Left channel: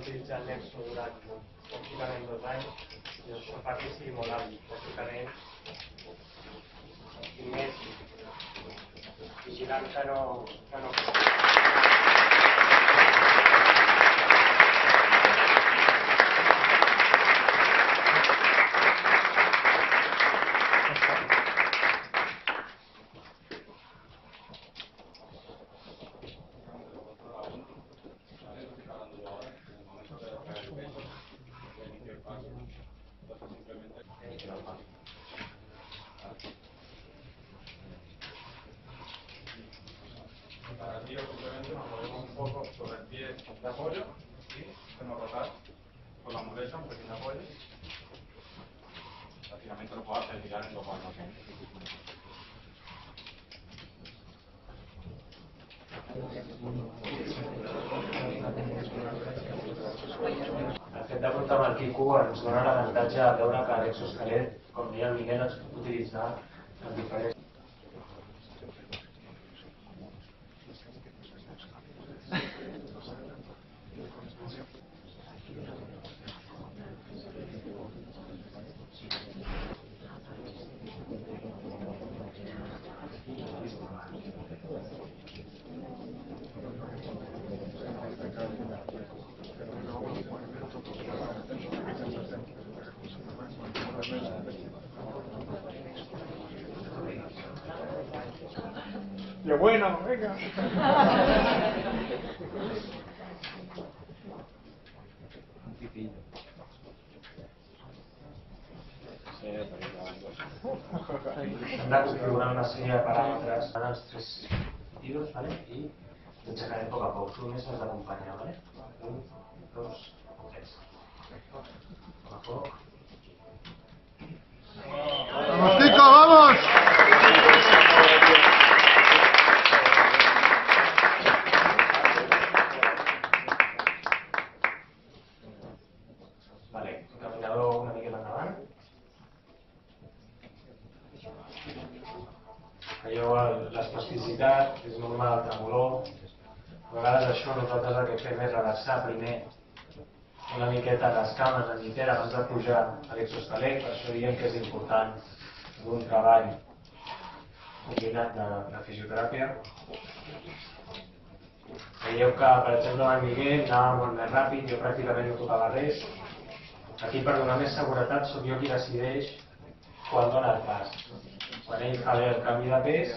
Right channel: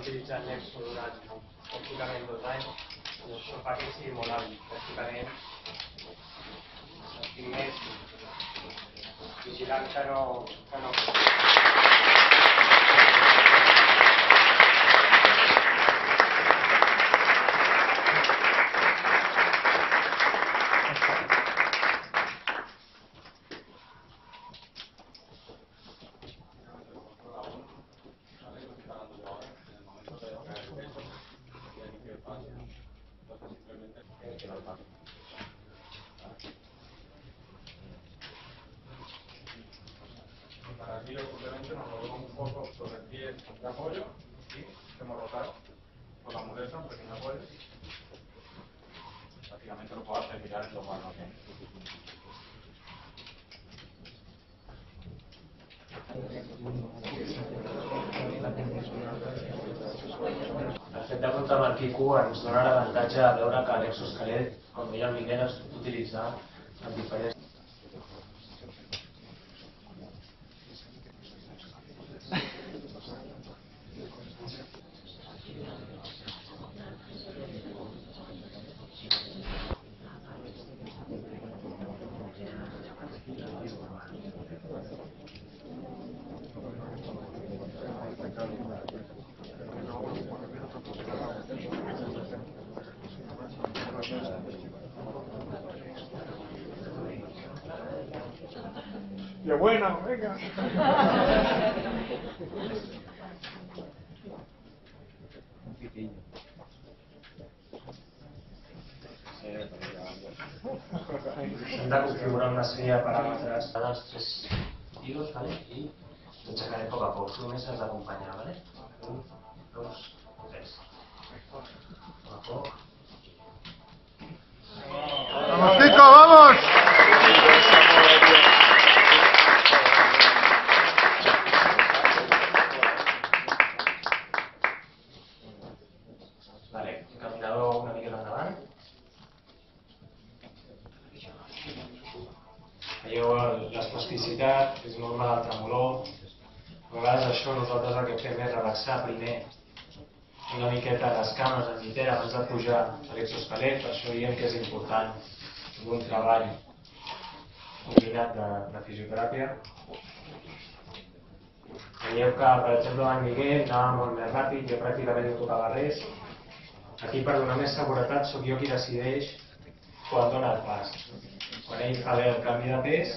utilitzant Nexo durant pràcticament 2 anys i això fa que sigui molt hàbil. Pràcticament estic més vigilant que no. Para el tiro simplemente nos movemos un poco sobre el pie de apoyo y hacemos rotar con la muleta, un pequeño apoyo. Prácticamente lo puedo hacer girar en 2 manos. El fet de comptar amb el Quico ens dona l'avantatge de veure que l'exoesquelet, com deia el Miguel, es pot utilitzar en diferents. ¡Qué bueno! ¡Venga! Hem de configurar una sèrie de paràmetres en els 3 tiros, ¿vale? I t'aixecarem a poc a poc. Tu només has d'acompanyar, ¿vale? 1, 2, 3. A poc a poc. ¡Vamos, Tico, vamos! Vale, encaminador una miqueta endavant. Veieu l'especificitat, és normal del tremolor. A vegades això nosaltres el que fem és relaxar primer una miqueta les cames en llitera abans de pujar a l'exoesquelet, per això diem que és important un treball combinat de fisioteràpia. Veieu que, per exemple, en Miguel anava molt més ràpid, jo pràcticament no tocava res. Aquí, per donar més seguretat, sóc jo qui decideix quan dona el pas. Quan ell fa el canvi de pes,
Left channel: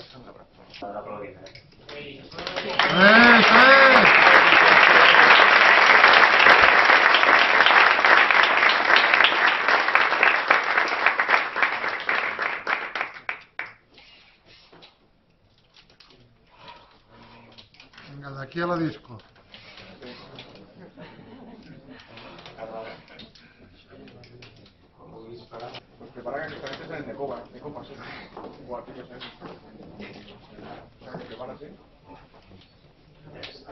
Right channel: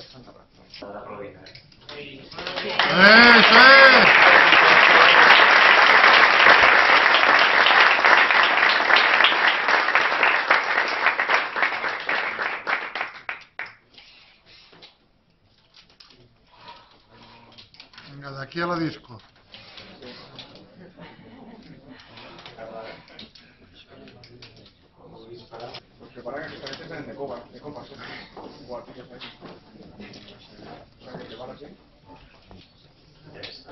s'ha d'aplaudir. Venga, de aquí a la disco. Pues prepara que estas veces de copa, sí. Igual que yo sé. O sea, que prepara así. Ja està.